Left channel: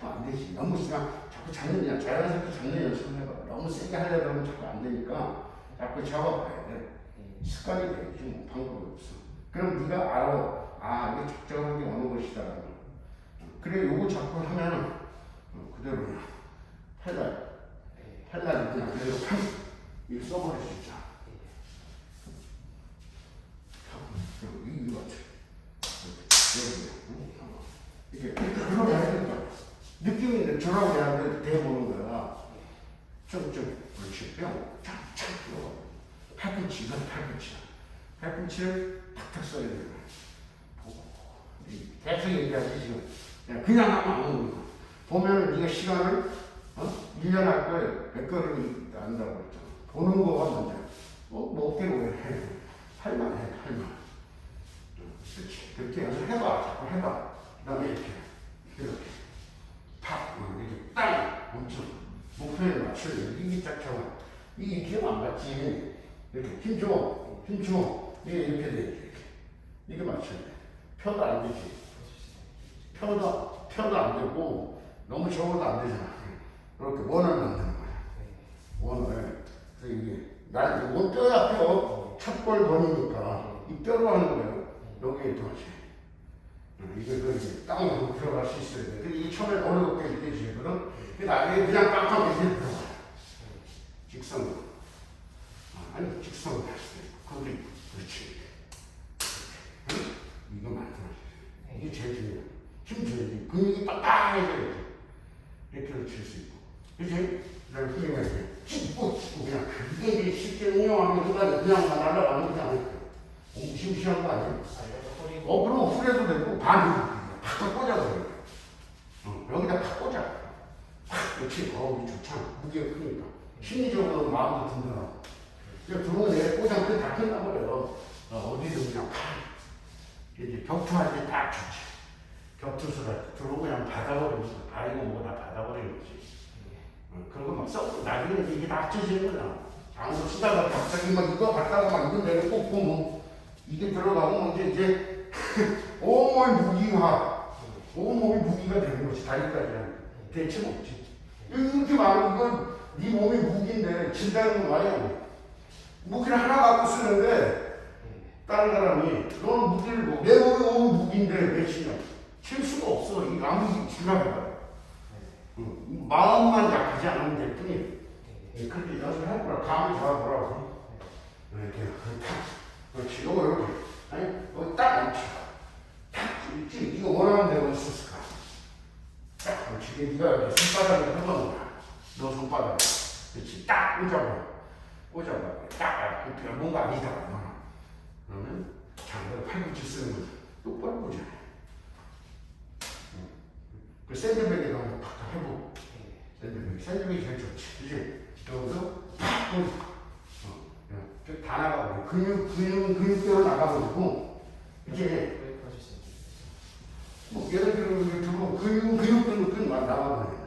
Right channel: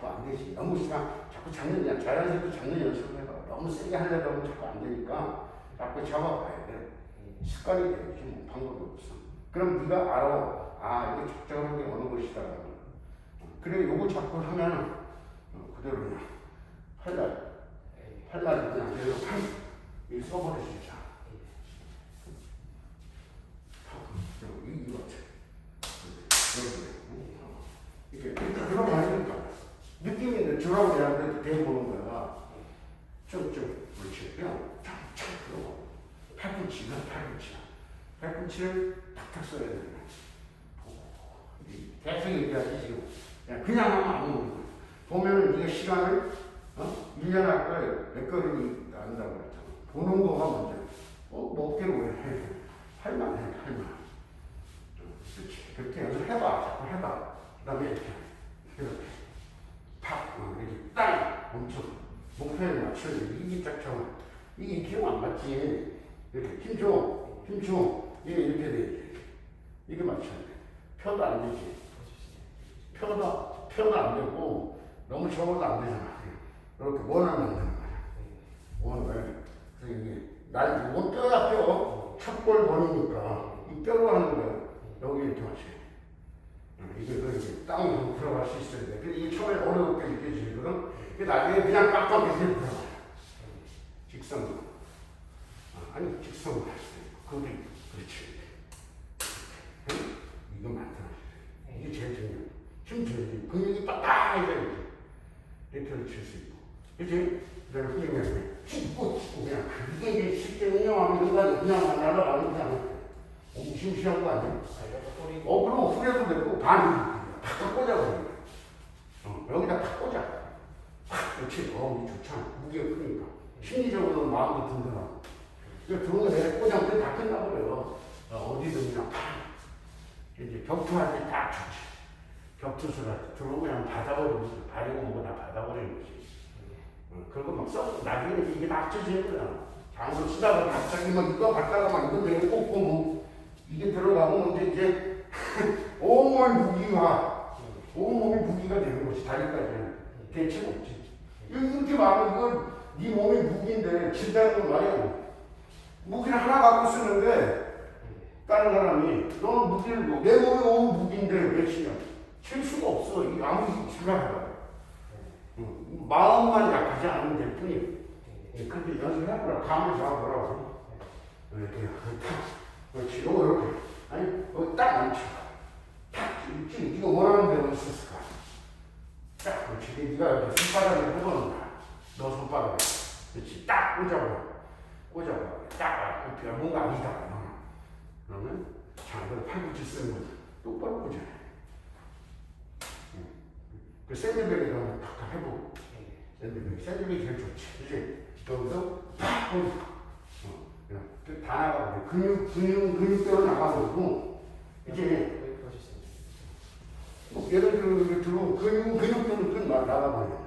자꾸 안 되지. 너무 그냥 자꾸 연 자연스럽게 잡는 연습을 해봐. 너무 세게 하려다 보면 자꾸 안 되니까 자꾸 잡아봐야 돼. 습관이 되지 뭐 방법이 없어. 그럼 네가 알아. 아 이게 적절하게 어느 것이다라는 걸. 그래 요거 자꾸 하면 어, 그대로 팔날 팔날 그냥 그대로 팔 이거 써버려. 여기 이거 같아. 여기 이렇게 이렇게 그러면 안 되니까 느낌이 있는 저라고 내한테 대보는 거야. 좀좀 그렇지 뿅착착 그러고 팔꿈치. 팔꿈치를 탁탁 써야 거야. 이 계속 얘기하지 지금. 그냥 하면 아무 보면은 네가 시간을 어? 1년 할 거에 몇 걸음이 난다고 그랬잖아. 보는 거가 먼저. 어, 뭐 어깨로 왜 해? 할만 해, 할만. 그렇지. 그렇게 연습해봐. 자꾸 해봐. 그 다음에 이렇게. 이렇게. 탁. 어, 이렇게 땅. 엄청. 목표에 맞춰. 이게 쫙 잡아. 이게 기억 안 맞지. 이렇게. 힘 줘. 힘 줘. 이게 이렇게 돼. 이게 맞춰야 돼. 펴도 안 되지. 펴도, 펴도 안 되고, 너무 접어도 안 되잖아. 이렇게 원을 만드는 거야. 원을. 그래서 이게, 날, 이거 뼈야, 뼈. 첫골 번이니까. 이 뼈로 하는 거야. 여기에 들어가지. 이게 그 땅으로 들어갈 수 있어야 돼. 근데 이게 처음에 어렵게 느껴지거든. 그 나중에 그냥 빡빡 이렇게 들어가. 직선으로. 아, 아니, 직선으로 할 수도 있고. 거기, 그렇지. 이렇게. 이거 만들어야 돼. 이게 제일 중요해. 힘 줘야지. 근육이 빡빡해져야 돼. 이렇게 칠수 있고. 그지? 그다음에 돼. 찢고 찢고 그냥 그게 쉽게 응용하면 그냥 그냥 날아가는 그냥 무시무시한 거 아니야? 어, 그럼 후려도 되고, 반이 팍 꽂아버려. 어, 여기다 팍 꽂아. 팍, 그렇지. 어, 좋잖아. 무게가 크니까. 심리적으로 마음도 든든하고. 그 들어오면 내 꽂아면 다 끝나버려요. 어, 어디든 그냥 팍. 이제 격투할 때딱 좋지. 격투수가 들어오고 그냥 받아버리면서 뭐고 다 받아버리는 거지. 어, 그리고 막 썩, 나중에 이게 다 합쳐지는 거잖아. 장으로 쓰다가 갑자기 막 이거 갖다가 막 이거 내를 꽂고 뭐, 이게 들어가면 이제, 이제 온몸 무기화, 온몸이 무기가 되는 거지. 다리까지는 대체 없지. 이렇게 많은 건 네 몸이 무기인데 진다는 건 말이야. 무기를 하나 갖고 쓰는데 다른 사람이 너는 무기를 뭐, 내 몸이 너무 무기인데 왜 치냐? 칠 수가 없어. 이 아무리 생각해봐. 응. 마음만 약하지 않으면 될 뿐이야. 예, 그렇게 연습할 거라 감을 잡아보라고. 이렇게 탁. 그렇지. 요거 이렇게. 아니, 여기 딱 앉혀. 탁. 있지. 네가 원하는 대로 있었을까? 딱. 그렇지. 네가 이렇게 손바닥에 펴보는 거야. 너 손바닥에. 그렇지. 딱 꽂아봐. 꽂아봐. 딱. 그 뭔가 아니다. 너는. 그러면 장을 팔꿈치 쓰는 거지. 똑바로. 응. 그 샌드백이라고 하면 탁탁 해보고. 샌드백. 샌드백이 제일 좋지. 그치? 여기서 팍! 어, 그냥 그다 나가고. 근육, 근육은 근육대로 나가고. 이제 뭐 예를 들어 근육은 근육대로 끈 나가버려.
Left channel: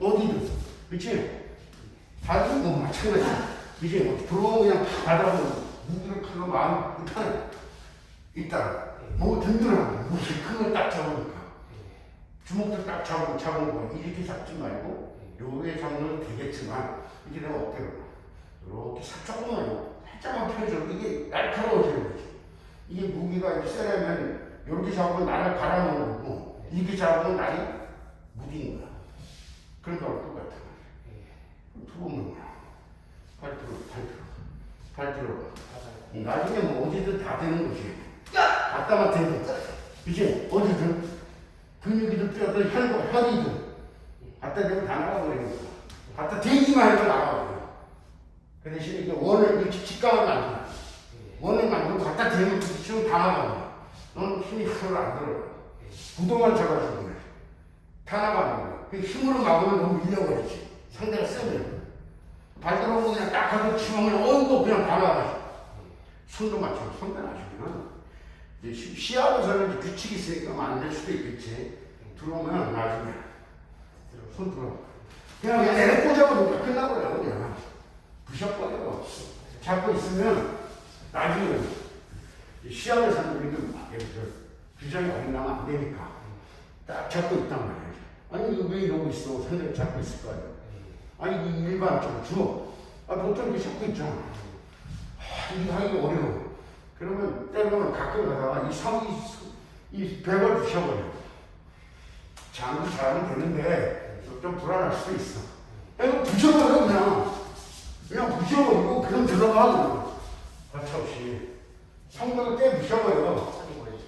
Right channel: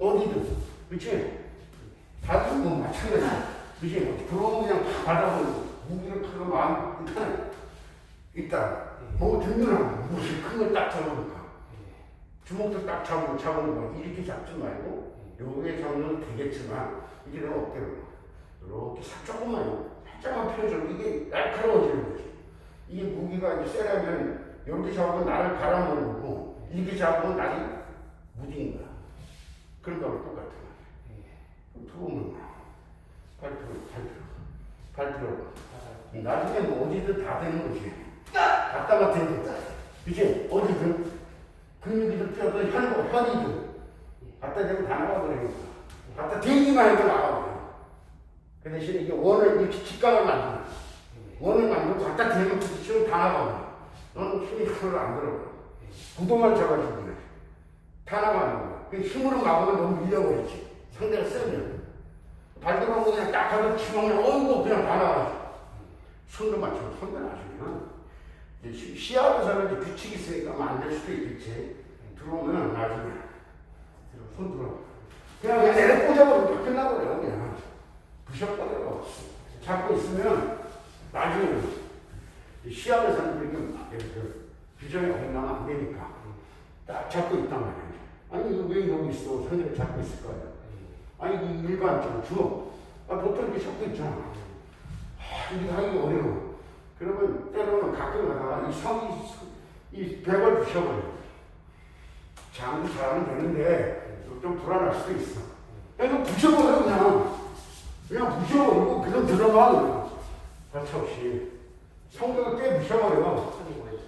어디든. 그치? 다른 뭐 마찬가지야. 그치? 뭐 들어오면 그냥 팍 받아보고. 무기를 칼로 마음 편해. 있다. 뭐 든든한 무슨 큰걸딱 잡으니까. 주먹도 딱 잡으면 잡은 거. 이렇게 잡지 말고 요게 잡으면 되겠지만 이게 내가 어때요? 이렇게 살 조금만 살짝만 펴줘 이게 날카로워지는 거지 이게 무기가 이제 세려면 이렇게 잡으면 나를 갈아먹는 거고 이렇게 잡으면 날이 무디는 거야. 그런 거랑 똑같아. 들어오는 거야. 팔 들어 팔 들어. 팔 들어. 나중에 뭐 어디든 다 되는 거지. 대는 거야 그치? 어디든 근육이든 뼈든 혈, 혈이든 갖다 대면 다 나가버리는 거야. 갖다 대기만 해도 나가버려. 그 대신에 이게 원을, 이렇게 직감을 만들어. 원을 만들고 갖다 대면 부딪히면 다 나가버려. 너는 힘이 하나도 안 들어가. 구도만 잡아주고 그래. 다 나가는 거야. 그 힘으로 막으면 너무 밀려버리지. 상대가 세면. 발가락으로 그냥 딱 하고 치면 어이구 그냥 다 나가지. 손도 맞춰. 손도 맞추면 시- 시합에서는 이제 규칙이 있으니까 안 될 수도 있겠지. 들어오면 나중에 손 들어. 그냥 내려 꽂아버리면 끝나버려 그냥. 부셔버려. 잡고 있으면 나중에 이렇게 막 이렇게 규정이 어긋나면 안 되니까 딱 잡고 있단 말이야. 아니 이거 왜 이러고 있어? 생각을 잡고 있을 거 아니야. 아니 이 일반적으로 줘. 아 보통 이렇게 잡고 있잖아. 아, 이거 하기 어려워. 그러면 때로는 가끔 가다가 이 성이 이 벽을 부셔버려. 장구 잘하면 되는데 좀 불안할 수도 있어. 야, 이거 부셔버려 그냥. 그냥 부셔버리고 그건 들어가 그냥. 거쳐 없이. 성경을 깨 부셔버려. 뭐였죠?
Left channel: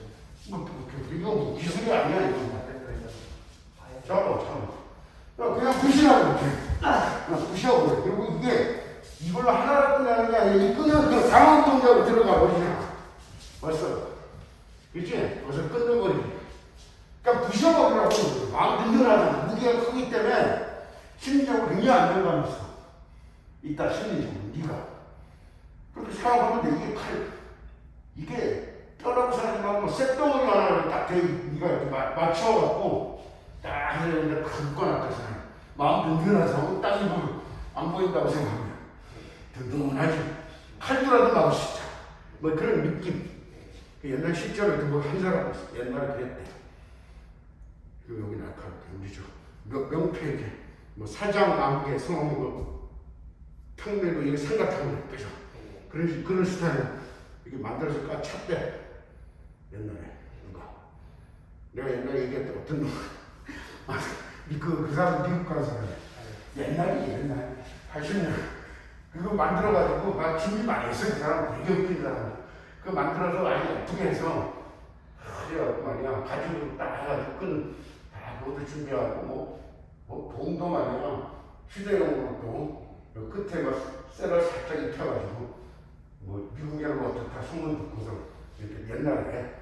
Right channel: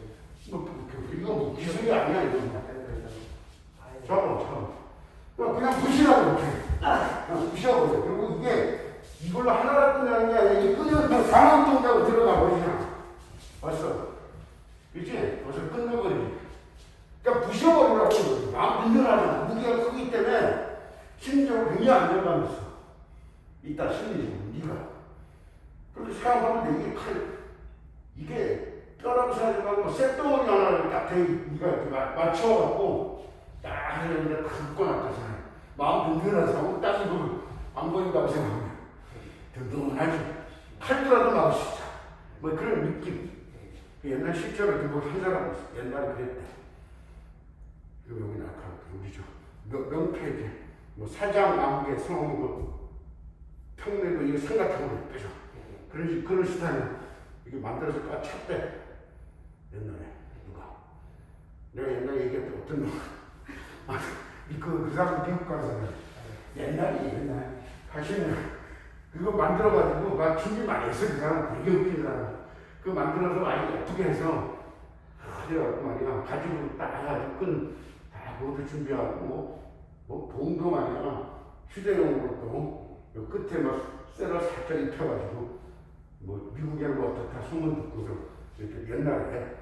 뭐, 그, 그, 이거 뭐 기술이 아니야 이거. 잡아 잡아. 그냥 부시라고 이렇게. 그냥 부셔버려. 그리고 이게 이걸로 하나를 끝나는 게 아니라 이 끊으면 그냥 강한 동작으로 들어가 버리잖아. 벌써. 그치? 벌써 끊어버리지. 그러니까 부셔버리라고 마음 든든하잖아. 무게가 크기 때문에 심리적으로 굉장히 안정감이 있어. 이따 심리적으로 네가. 그렇게 생각하면 돼. 이게 칼, 이게 뼈라고 생각하지 말고 뭐 쇳덩어리 하나를 딱 대, 네가 이렇게 마- 맞춰갖고 딱 하려는데 긁거나 그러잖아. 마음 든든한 사람은 딱 이거 안 보인다고 생각하면 든든하지. 칼도라도 막을 수 있다. 뭐 그런 느낌. 그 옛날 실전에 그거 한 사람. 옛날에 그랬대. 그 여기 나타나 우리 저 명- 명패 이렇게 뭐 사장 아무개 성뭐 평내고 이거 생각하고 그죠. 그런 그런 스타일 이게 만들어서 까 찼대 옛날에 누가 내가 옛날에 얘기했던 어떤 놈 아, 그, 그 사람 미국 가서 옛날이 옛날 80년 그거 만들어가지고 나 준비 많이 했어. 그 사람 되게 웃긴 사람 그거 만들어서 아주 예쁘게 해서 그래갖고 말이야. 가지고 딱 해가지고 끈다 모두 준비하고 뭐, 뭐 봉도 말이야 휴대용으로 또 끝에 막 쇠를 살짝 입혀가지고 뭐 미국에는 뭐 어떻다 소문 듣고서 이렇게 옛날에